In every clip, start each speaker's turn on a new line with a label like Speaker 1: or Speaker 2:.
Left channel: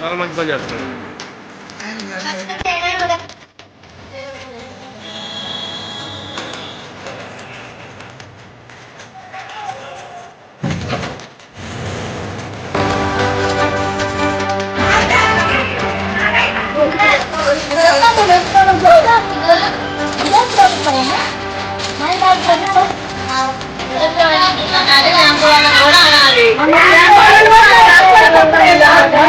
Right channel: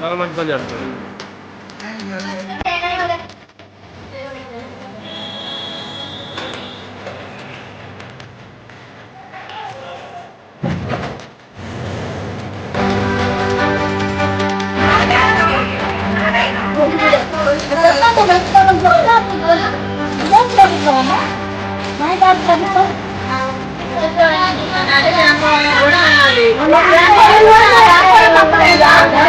Speaker 1: Nara lang ko yan.
Speaker 2: Ano ba 'yan? Ano ba 'yan?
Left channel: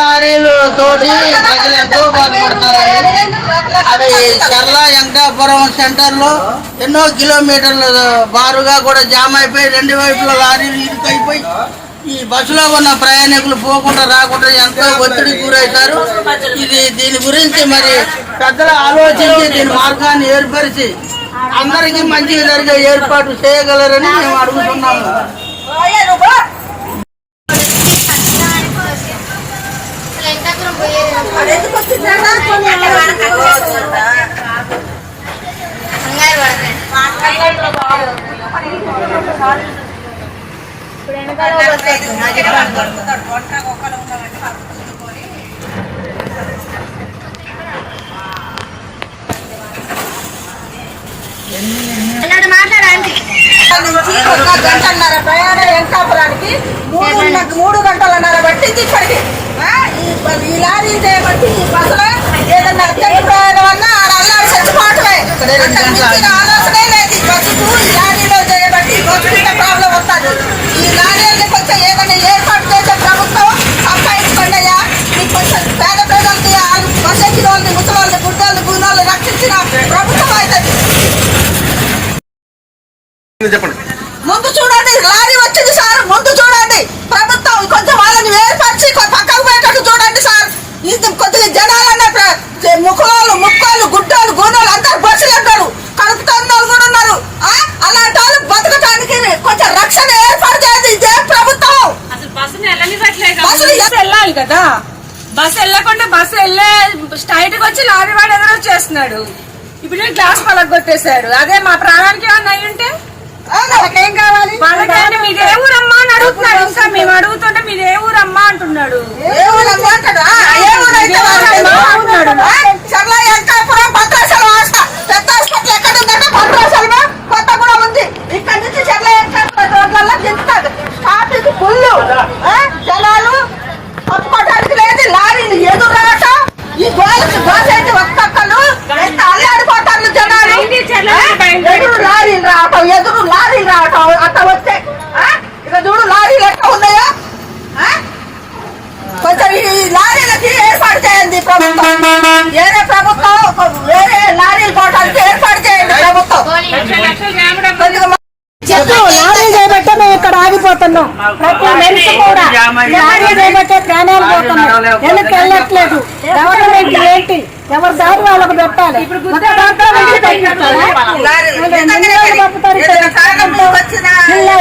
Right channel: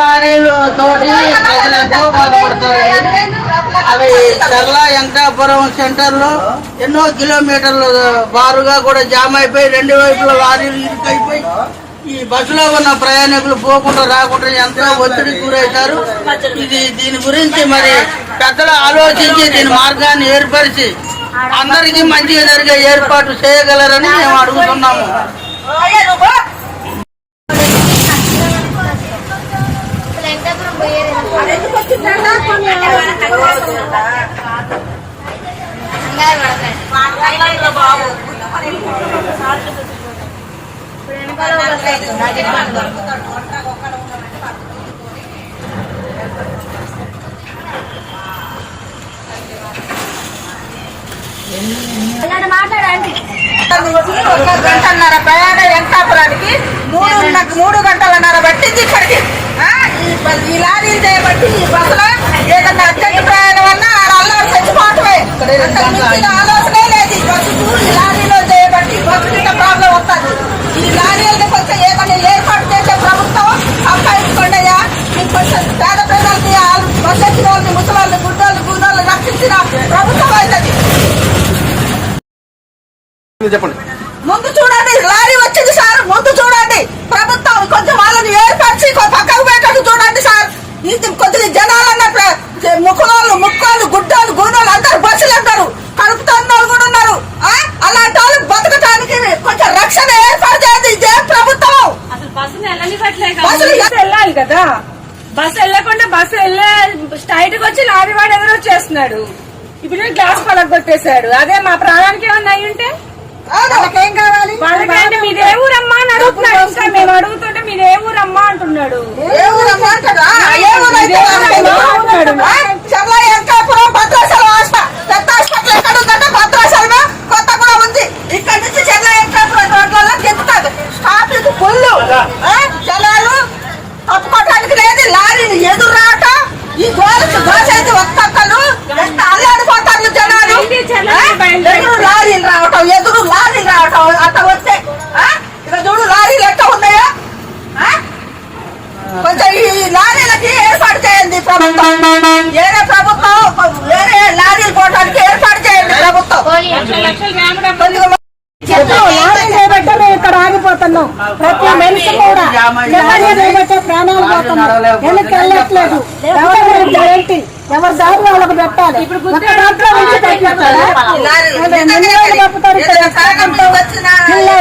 Speaker 2: లారీలు తోటి ప్రజలు ఎంతో బాధపడతారండి అవి చర్ల వెంకటాపురం సెంటర్లో ఎన్నో కిలోమీటర్లు బారుగా కూడా జామ్ అయిపోయి రెండు వైపుల లారీలు ఇరుకైపోయి ఈ బస్సులో ఉన్న ప్రయాణికులు పోకుండా రాకుండా ఎంతో ఒత్తిడికి గురవుతారు. ఇది దీని గురించి మరి పెద్దలు ఆలోచించి దీని మార్గాన్ని ఏర్పరిచి అందరికీ మంచి జరిగే ఏర్పాటు చేయగలరని మేము అడుగుతున్నాము.
Speaker 3: నుంచి ఒక గంటన్నర ప్రయాణం వెంకటాపురానికి మూడు మూడు గంటలన్నర పట్టింది ఇక్కడికి ఈ లారీలు చేయబట్టి ఈ బస్సులో ఏదన్నా అర్జెంట్ ప్రయాణం అన్నా ఆడ అల్లాడి చచ్చిపోవటమే ఆలోచనే లేదు ఈ బస్సుకు ఈ లారీలో చేయబట్టి బస్సు ఇంత ప్రాబ్లం వస్తుంది ఈ లారీలు కొంచెం ఏదైనా ఏర్పాటు చేసే ప్రభుత్వం సంపాదించుకోండి అయ్యా మీకు కొంచెం పేద ప్రజలకి ఆ బస్సు ఎక్కిన వాళ్ళని ముసలాళ్ళని గుడ్డోళ్ళు గుండోళ్ళు రక్షించిన ప్రభుత్వం అవుతుంది
Speaker 1: చెప్పండి.
Speaker 3: ముందు చూడండి లారీ వచ్చింది సార్ ముందు చూడండి. ప్రభుత్వం కొంచెం వాళ్ళని ఏర్పరిచి కొ- పక్కకు పెట్టట్టు చూడండి సార్. ఇది కొద్దిగా జనాలన్న ముక్కులోళ్ళు ముక్కోళ్ళు గుడ్డోళ్ళు గూనోళ్ళు అందరు బస్సులు అంటారు కడుపుతున్న వాళ్ళు కూడా ఉన్నారు. ఆ? అలాంటి వాళ్ళు బతకడానికి కొంచెం రక్షణ ఏర్పాటు చేయండి ఇదే ప్రభుత్వం. బస్సులు
Speaker 4: బస్సు వెళ్ళాలి కదా. బస్సు వెళ్ళకుండా బస్సు వెళ్ళే స్ట్రైట్కి వచ్చి లారీ వాడు ఎదురు వచ్చేస్తున్నాడు ఇప్పుడు గ్లాస్ పలగొట్టేశాడు. అదే మా ప్రాణానికి ఏమన్నా అయి ఉంటే
Speaker 3: వాళ్ళకేం కావాలి?
Speaker 4: వాళ్ళకేంటి మీది ఏ ఊరమ్మా అని అడుగుతున్నాడు. ఇంకా మేము అడుగుతుంటే మీది ఏ ఊరమ్మా అంటున్నాడు.
Speaker 3: ఏ ఊరమ్మా అంటాడు? ఆ, ఏ ఊరైతే వాళ్ళకేమో అంటున్నాడు. ఆ, చర్ల వెంకటాపురం భద్రాచలం హాస్పిటల్ పెద్ద హాస్పిటల్ ఎక్కడ ఉందంటే భద్రాచలమే కొత్తగూడెం ఉంది ఇక్కడ నుంచి చర్ల వెంకటాపురం రోడ్లలో దింపుతాడు ట్రాఫిక్ ఫుల్ ఆ, జనాలు తప్పుకోవడానికి లేదు లారీలు ఎదురు రాక ఈ గోలకు గోసైతే ఒక్కొక్కరు ఎంత అల్లాడిపోతారు జనాలు ఆ, ఎదురు లారీలు రావటం ఎదురు లారీలు రావటం అట్లా వస్తే ఆ, ఇక చూడు లారీలు ఉన్నాయో? కొంచెం ఈ లారీలకి ఏర్పాటు చేయండి ప్రభుత్వం. వేరే ప్రభుత్వం వేరే లారీలు పోవడానికి ఏర్పాటు చేయండి ప్రభుత్వం.
Speaker 5: ఇక్కడ ఆగిపోతున్నాం. ప్రతి మనిషి కూడా లారీ చేయబట్టే ప్రాణాలు పోతున్నాం. వెనక్కి వెళ్ళట్లేదు. గవర్నమెంట్ ఏంటి? ఎవరి దారి వాళ్ళకు పెట్టాలి? ఇక్కడ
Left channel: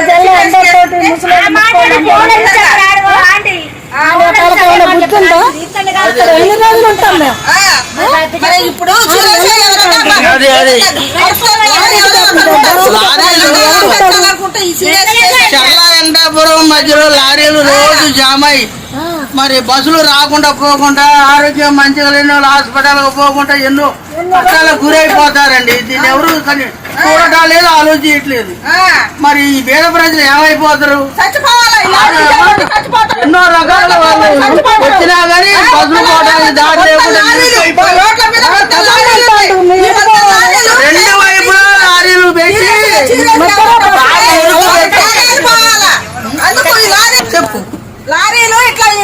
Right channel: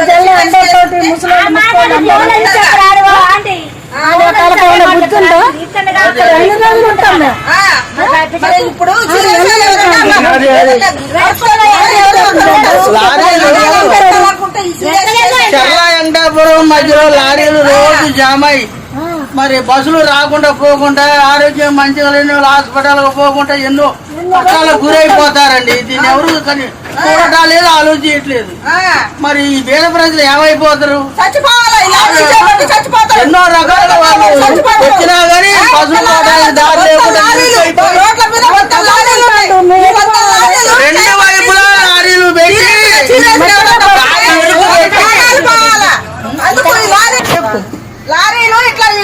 Speaker 5: జల్ల అందరితోటి ముసలి గుర్తుందో? ఇక్కడ ఎన్ని రోజులు ఉంటాం మేము?
Speaker 3: ఇప్పుడు సీరియస్
Speaker 2: చర్ల వెంకటాపురం మధ్యలో లారీలు రోజు జామ్. మరి బస్సులు రాకుండా పోకుండా ఆరోగ్యం మంచిగా లేని వాళ్ళు హాస్పిటల్కి పోకుండా ఎన్నో కష్టాలకు గురైపోతారండి దీన్ని ఎవరు కానీ చూడటం లేదు ఆలోచించట్లేదు మరి ఈ పేద ప్రజలు ఏమైపోతారు ఎన్నో రకాల వచ్చినా కానీ బస్సులు పోవడానికి దారి లేకుండా రెండు వైపులా లారీలు పెట్టి
Speaker 3: లారీ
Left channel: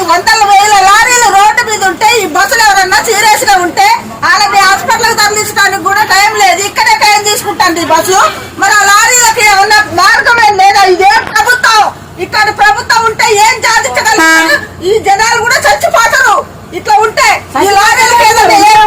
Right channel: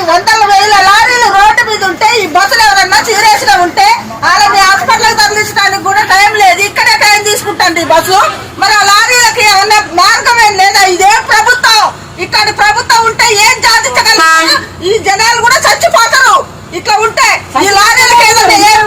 Speaker 3: వందల వేల లారీలు రోడ్డు మీద ఉంటే ఈ బస్సులు ఎవరన్నా చీరేసిన ఉంటే వాళ్ళని హాస్పిటల్ తరలించడానికి కూడా టైం లేదు. ఇక్కడే టైం తీసుకుంటాను ఈ బస్సు మరి ఆ లారీలకి ఏమన్నా మార్గమేం లేదా? ఇదేం ప్రభుత్వం. ఇక్కడ ప్రభుత్వం ఉంటే ఏం సాధించగలరు ఈ జనాలు కూడా చచ్చిపోతారు. ఇట్లా ఉంటే ఈ లారీలకి ఏదైనా